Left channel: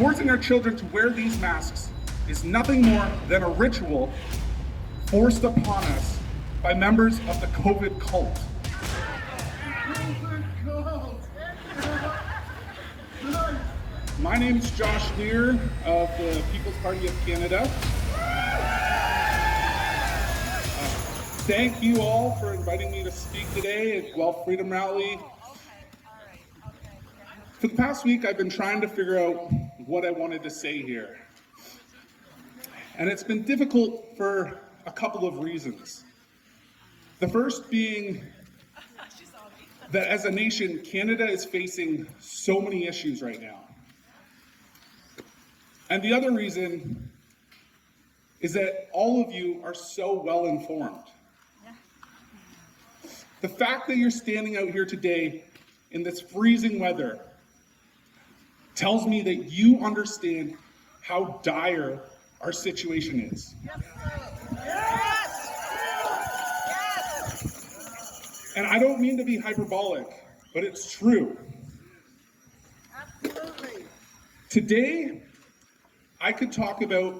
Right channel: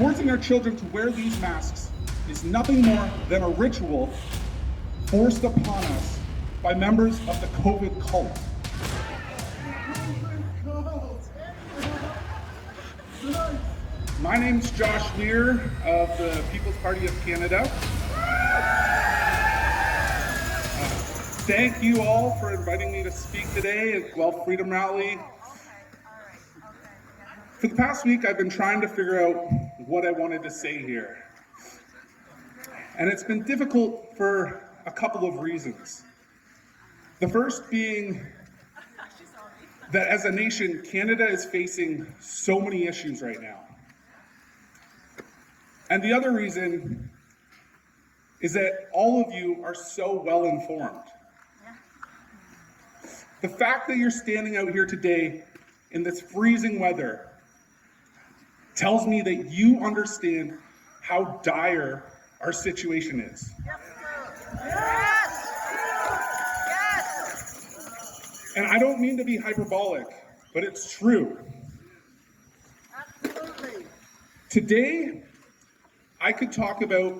Forcing our children to wear these masks is nothing more than a ritual forced upon us by members of the COVID cult. My name's Josh Lear of the People's Party of Canada. Thank you all for inviting me to speak today at Guelph Freedom Rally. For the past week, I've been trying to figure out what I wanted to say here. And it's been difficult for a couple of reasons. The first being that as a nation, Canada is facing so many issues right now. And the other reason is that all of you are so well informed. The fact that you're standing out here today in this freezing weather tells me that you understand how dire our situation is. And I don't mean to be hyperbolic, but it's true. Today, I could talk about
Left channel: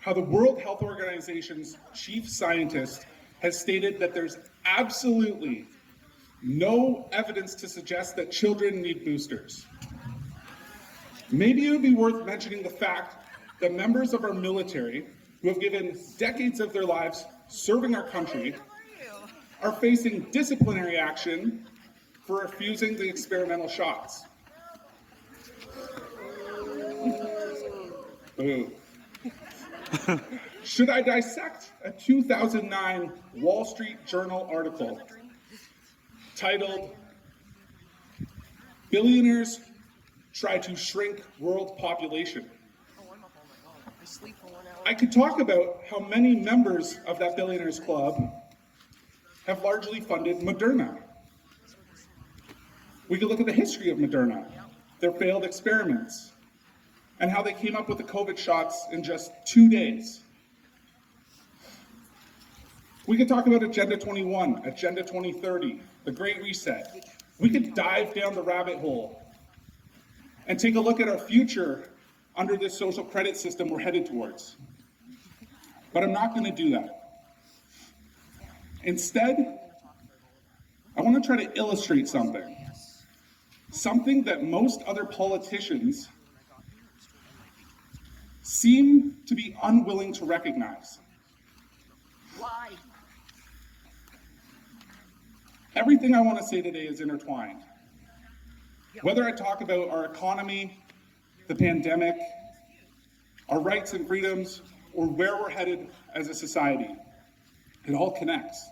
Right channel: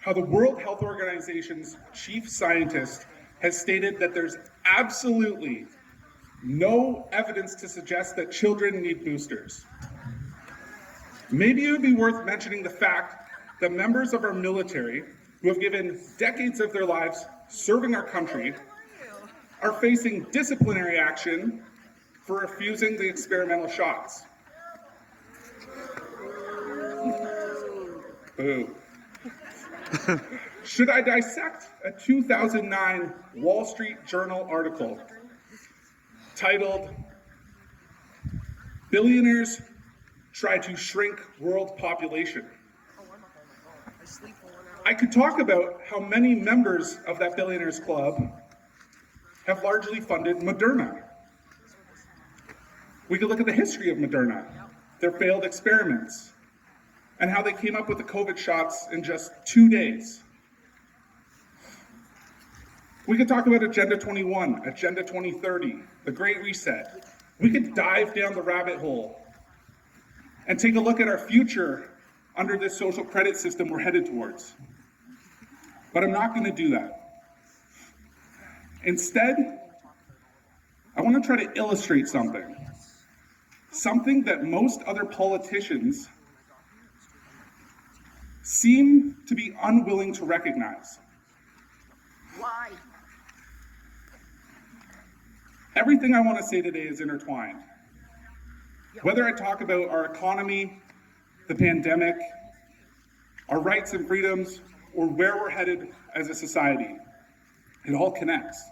how the World Health Organization's chief scientist has stated that there's absolutely no evidence to suggest that children need boosters. Maybe it would be worth mentioning the fact that members of our military, who have given decades of their lives serving our country, are facing disciplinary action for refusing the experimental shots. Boo. Should I dissect a 2009 Wall Street Journal article titled, "Billionaires Try to Shrink World Population"? I could talk about how many members of that billionaires club have largely funded Moderna. We could look at the history of Moderna, their failed experiments, and how they came up with the COVID shots in just 2 days. We could talk about Agenda 21, Agenda 2030, the Great Reset. We could dive down the rabbit hole and take a look at our future under this social credit system we're headed towards. But I'm not going to do that. Instead, I want to try to illustrate something that most other politicians seem to be unwilling to recognize. Why? Everything I want to say today is intertwined. Whether I talk about our economy, the pandemic, our rights and freedoms, or where we're headed as a society, it all connects.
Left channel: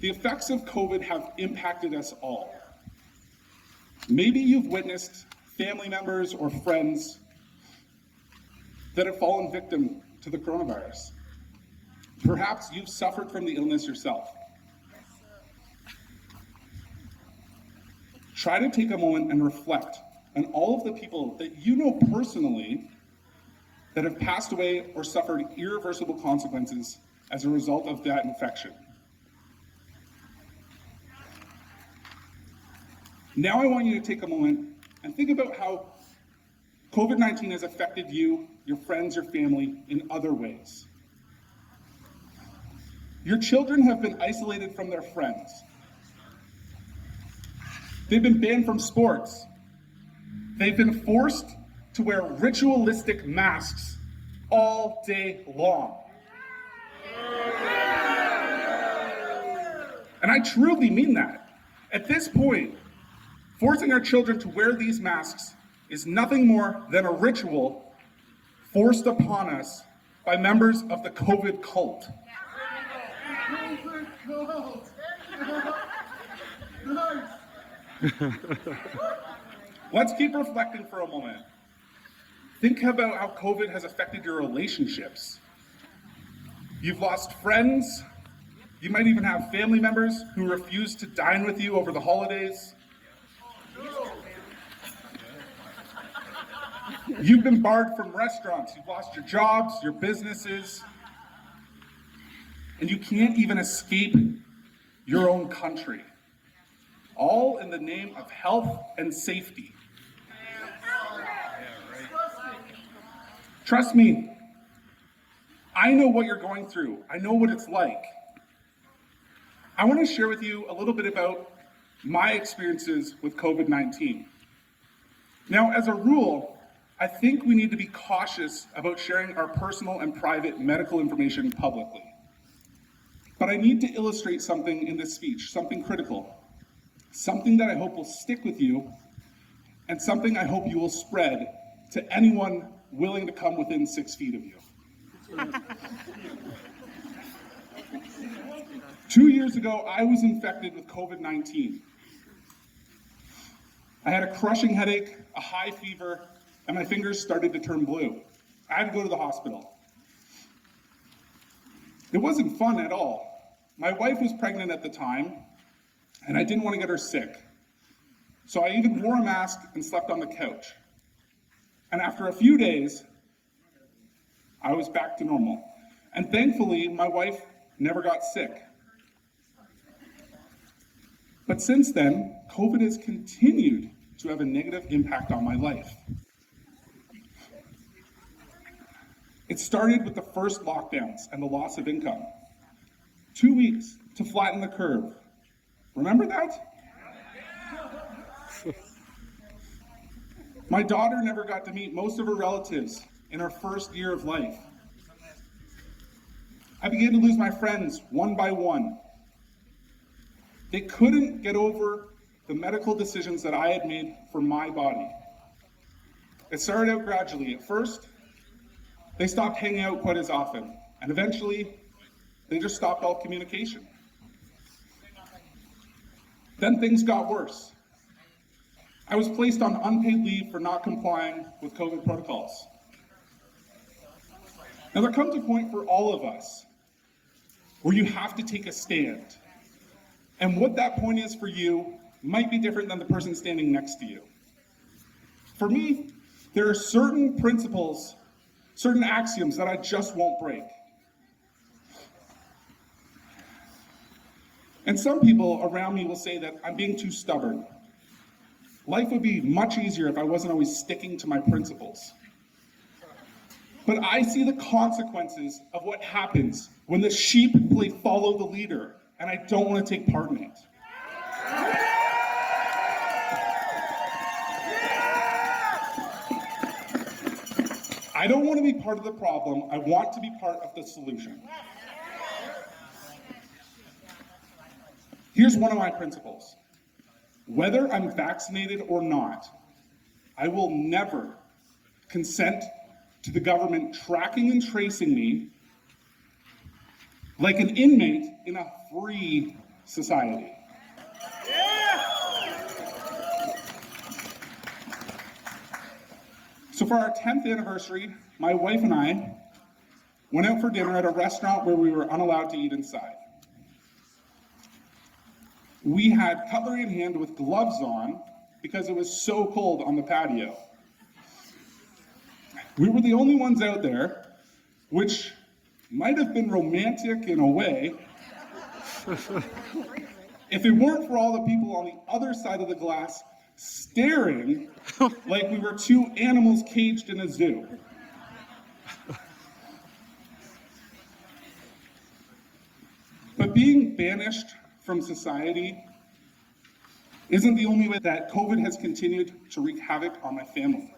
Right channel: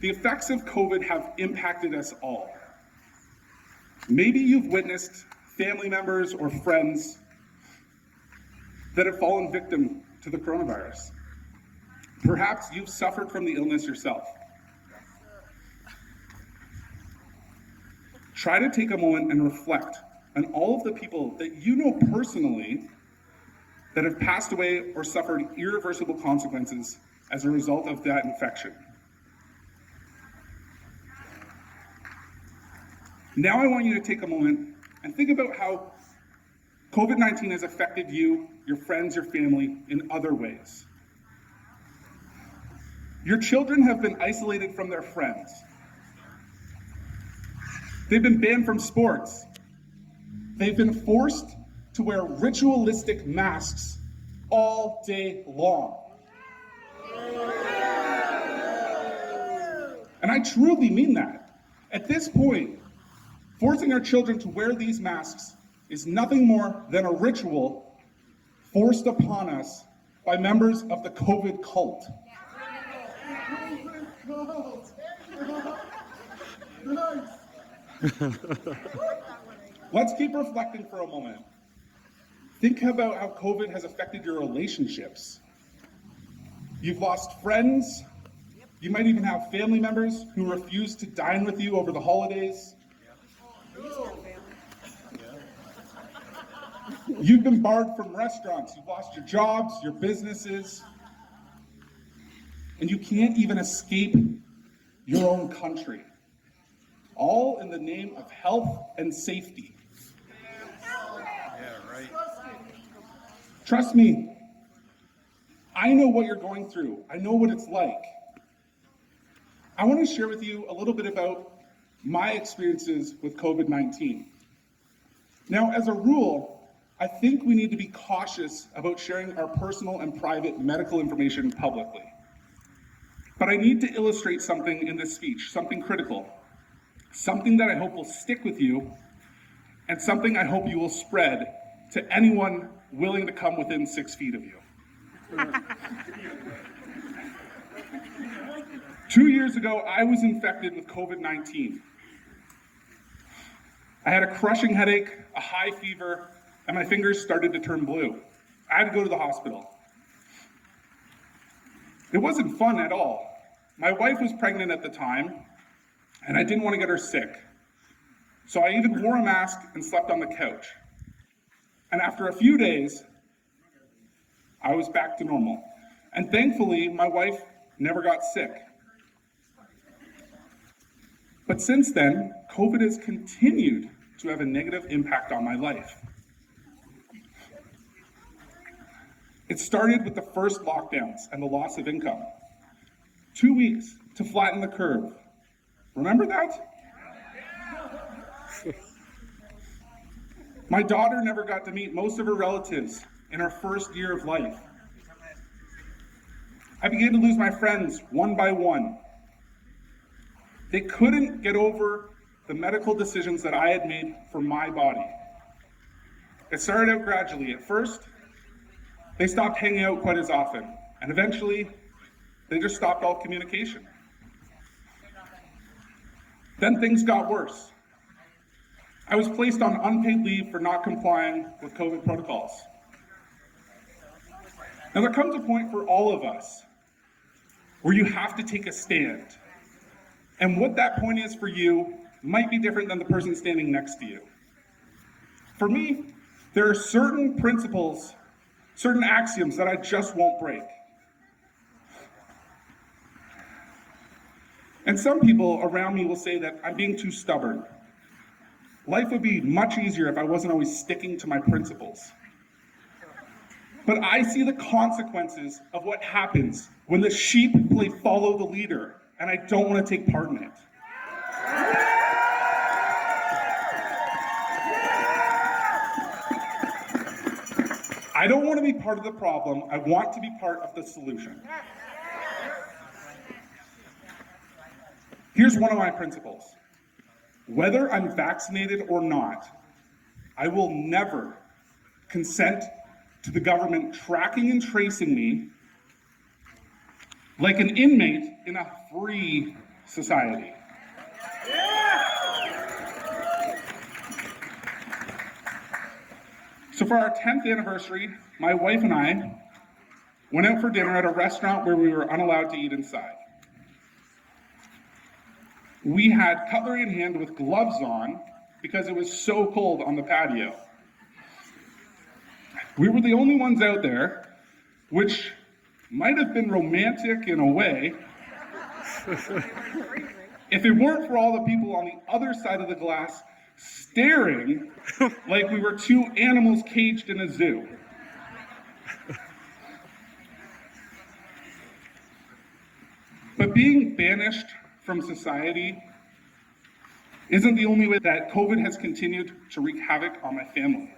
The effects of COVID have impacted us all. Maybe you've witnessed family members or friends that have fallen victim to the coronavirus. Perhaps you've suffered from the illness yourself. Try to take a moment and reflect on all of the people that you know personally that have passed away or suffered irreversible consequences as a result of that infection. Now I want you to take a moment and think about how COVID-19 has affected you, your friends, your family in other ways. Your children have been isolated from their friends. They've been banned from sports. They've been forced to wear ritualistic masks all day long. And I truly mean that. At this point, forcing our children to wear these masks is nothing more than a ritual forced upon us by members of the COVID cult. Let's keep reflecting for a moment. Think about how COVID has affected your relationships. You've lost friends. You might even have family members who refuse to dine with you over the holidays. You've been barred from restaurants. You've lost your jobs, your businesses. And you can't even escape your own country. All in the name of health and safety. Trust me, I know what you're going through. I know what it's like. I want to share with you a little bit about my experiences with COVID-19. Now, as a rule, I think we need to be cautious about sharing our personal and private medical information publicly. But I need to illustrate something in this speech, something critical, something that I hope will stick with you, and something I hope you will spread to anyone willing to come within 6 feet of you. 2 years ago, I was infected with COVID-19. I had a crushing headache, a high fever, and my fingers started to turn blue. I had to go to the hospital. It wasn't fun at all. My wife was pregnant at the time, and I didn't want to get her sick. So I even wore a mask and slept on the couch. And after a few days, I was back to normal. And thankfully, my wife never got sick. But since then, COVID has continued to have a negative impact on my life. It started with the first lockdowns and the loss of income. 2 weeks to flatten the curve. Remember that? My daughter never got to meet most of her relatives in her first year of life. I began to lose my friends one by one. They couldn't get over the medical decisions that I had made for my body. It started out gradually. At first, they stopped hanging out quite as often, and eventually, they just stopped all communication. Then things got worse. I was placed on unpaid leave for not complying with COVID protocols. Now there comes a point for all of us where you have to take a stand. And what that point is for you might be different than the person standing next to you. For me, there are certain principles, certain axioms that I just won't break. And some people around me will say that I'm being too stubborn. Life would be much easier if I wasn't always sticking to my principles. But I see the consequences of what happens when the sheep play follow the leader, and I don't want to take part in it. I don't want to be part of the problem. I want to be part of the solution. Here's one of my principles. Whether I'm vaccinated or not, I will never consent to the government tracking and tracing me like an inmate in a free society. So for our 10th anniversary, my wife and I went out for dinner at a restaurant where we were unallowed to eat inside. We had cutlery in hand with gloves on because it was so cold on the patio. We were the only ones out there, which might have been romantic in a way, if it weren't for all the people on the other side of the glass staring like we were two animals caged in a zoo. But being banished from society isn't the only way that COVID has continued to wreak havoc on my family.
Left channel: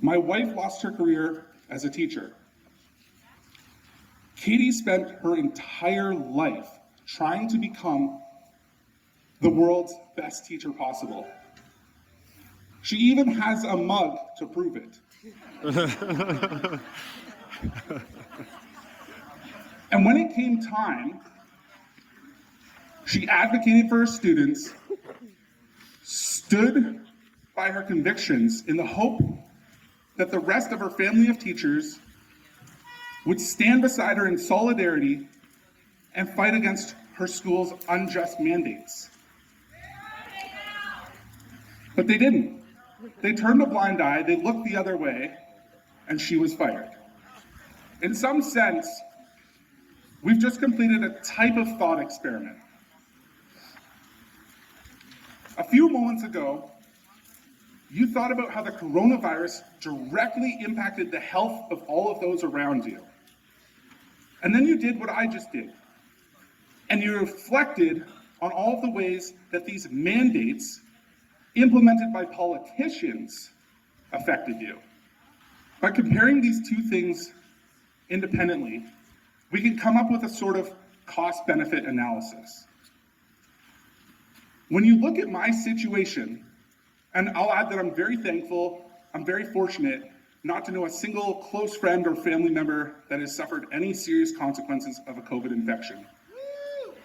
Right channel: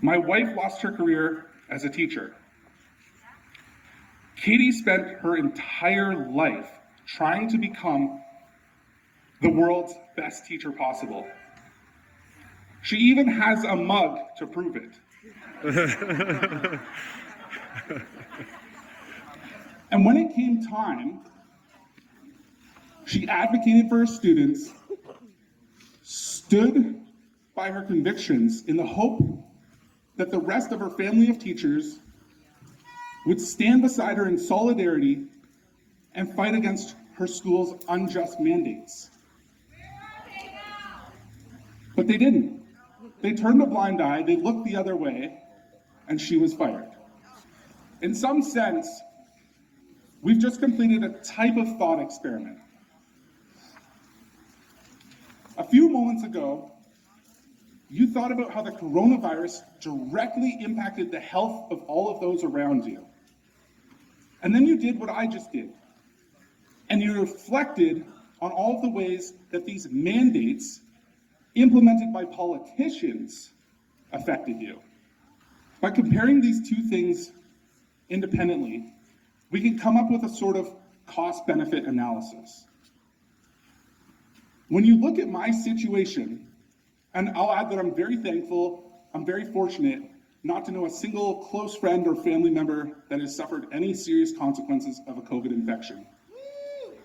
My wife lost her career as a teacher. Katie spent her entire life trying to become the world's best teacher possible. She even has a mug to prove it. And when it came time, she advocated for her students, stood by her convictions in the hope that the rest of her family of teachers would stand beside her in solidarity and fight against her school's unjust mandates. But they didn't. They turned a blind eye, they looked the other way, and she was fired. In some sense, we've just completed a type of thought experiment. A few moments ago, You thought about how the coronavirus directly impacted the health of all of those around you. And then you did what I just did. And you reflected on all of the ways that these mandates implemented by politicians affected you. By comparing these two things independently, we can come up with a sort of cost-benefit analysis. When you look at my situation, and I'll add that I'm very thankful, I'm very fortunate not to know a single close friend or family member that has suffered any serious consequences of a COVID infection,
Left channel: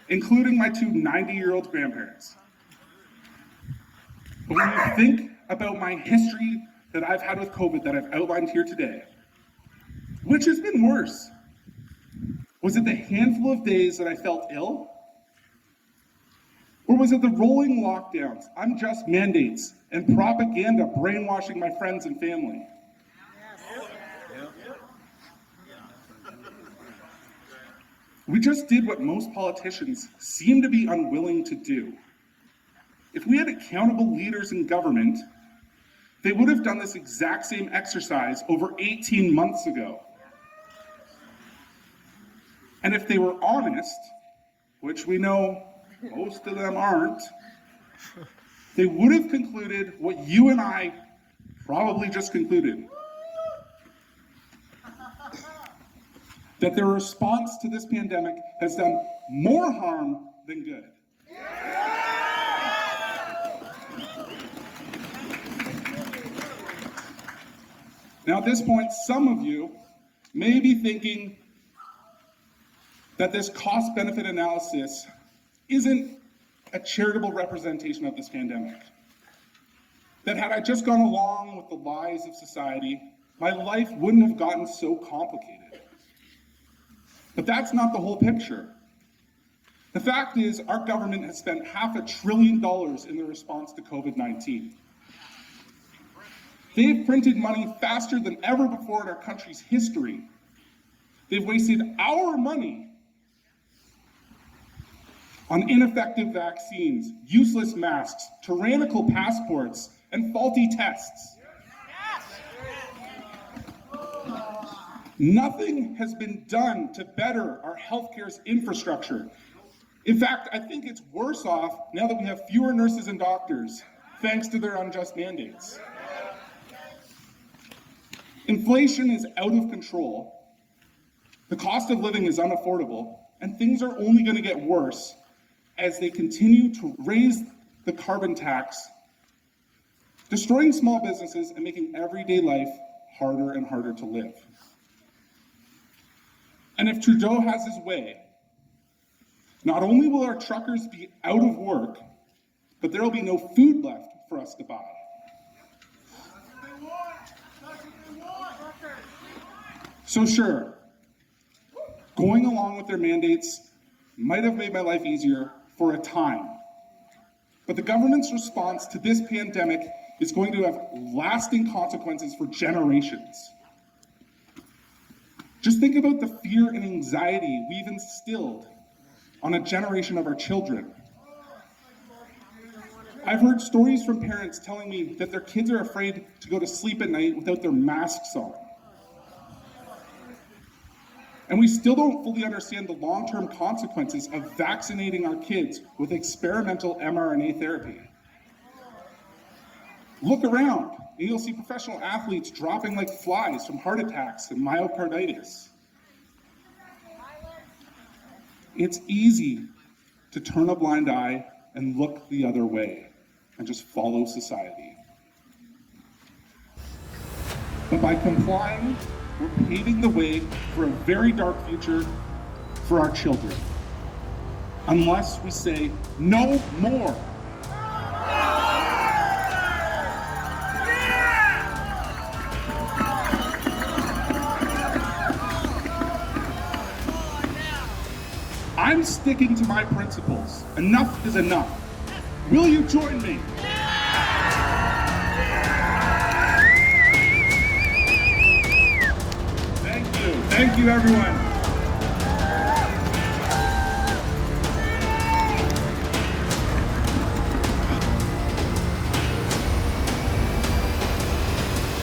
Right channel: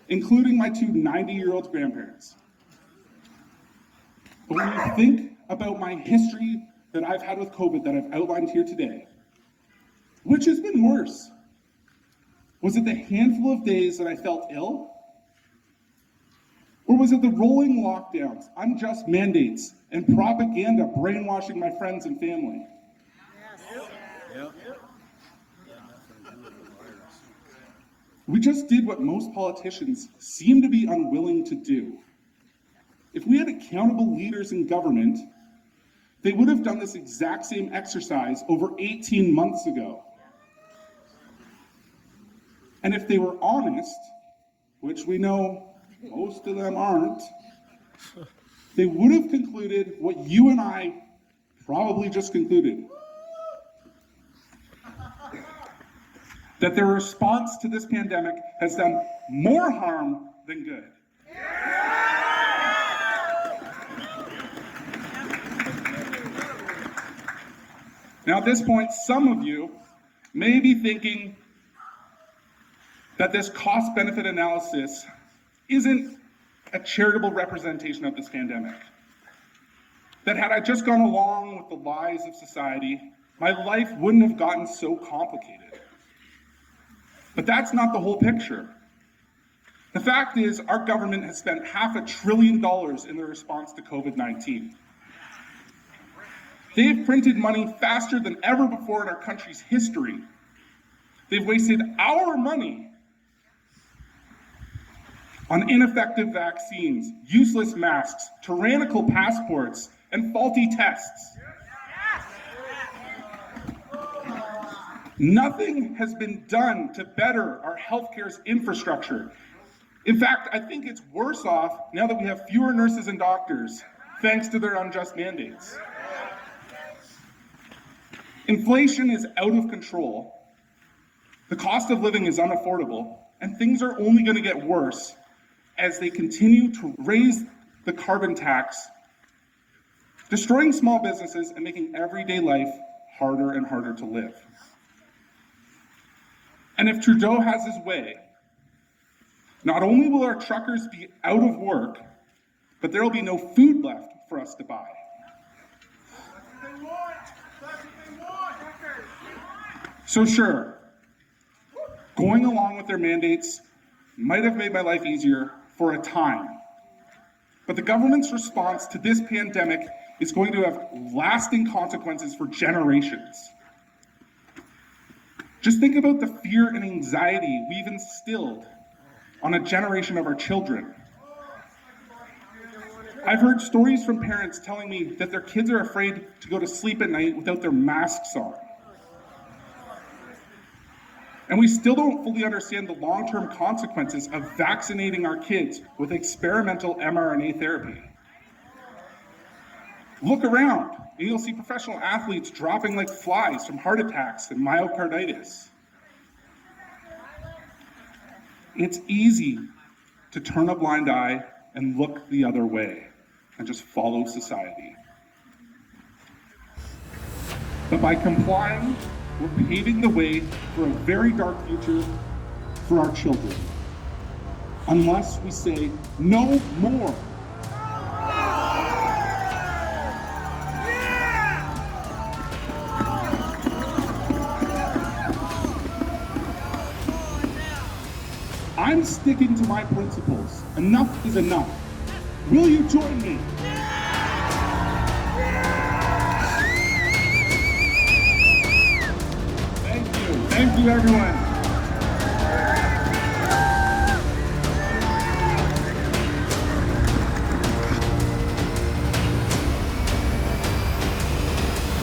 including my two 90-year-old grandparents. But when you think about my history that I've had with COVID that I've outlined here today, which has been worse? Was it the handful of days that I felt ill? Or was it the rolling lockdowns, unjust mandates, and propaganda brainwashing my friends and family? Yeah. We just did what most politicians seem to be unwilling to do. If we had accountable leaders in government, they would have done this exact same exercise over 18 months ago. And if they were honest, which we know most of them aren't, they would have concluded what you and I probably just concluded. That their response to this pandemic has done more harm than good. Now, at this point, some of you may be thinking that this cost-benefit analysis isn't a charitable representation of this pandemic. That had I just gone along with the lies of society, my life wouldn't have gotten so complicated. But that's not the whole picture. The fact is, our government has spent $500 billion in their response to COVID-19. They've printed money faster than ever before in our country's history. They've wasted our money on ineffective vaccines, useless masks, tyrannical passports, and faulty tests. Nothing has been done to better our healthcare's infrastructure. In fact, I think it's worse off now that we have fewer nurses and doctors, thanks to their unjust mandates. Inflation is out of control, the cost of living is unaffordable, and things are only going to get worse as they continue to raise the carbon tax, destroying small businesses and making everyday life harder and harder to live. And if Trudeau has his way, not only will our truckers be out of work, but there will be no food left for us to buy. So sure, going along with their mandates might have made my life easier for a time. But the government's response to this pandemic is going to have lasting consequences for generations. Just think about the fear and anxiety we've instilled on a generation of our children. I've heard stories from parents telling me that their kids are afraid to go to sleep at night without their masks on. And we still don't fully understand the long-term consequences of vaccinating our kids with experimental mRNA therapy. Look around, and you'll see professional athletes dropping like flies from heart attacks and myocarditis. It's easy to turn a blind eye and look the other way and just follow society. But by complying, we're paving the way for a very dark future for our children. Unless we say no more. I'm sticking to my principles. Enough is enough. Will you join me? Thank you, everyone.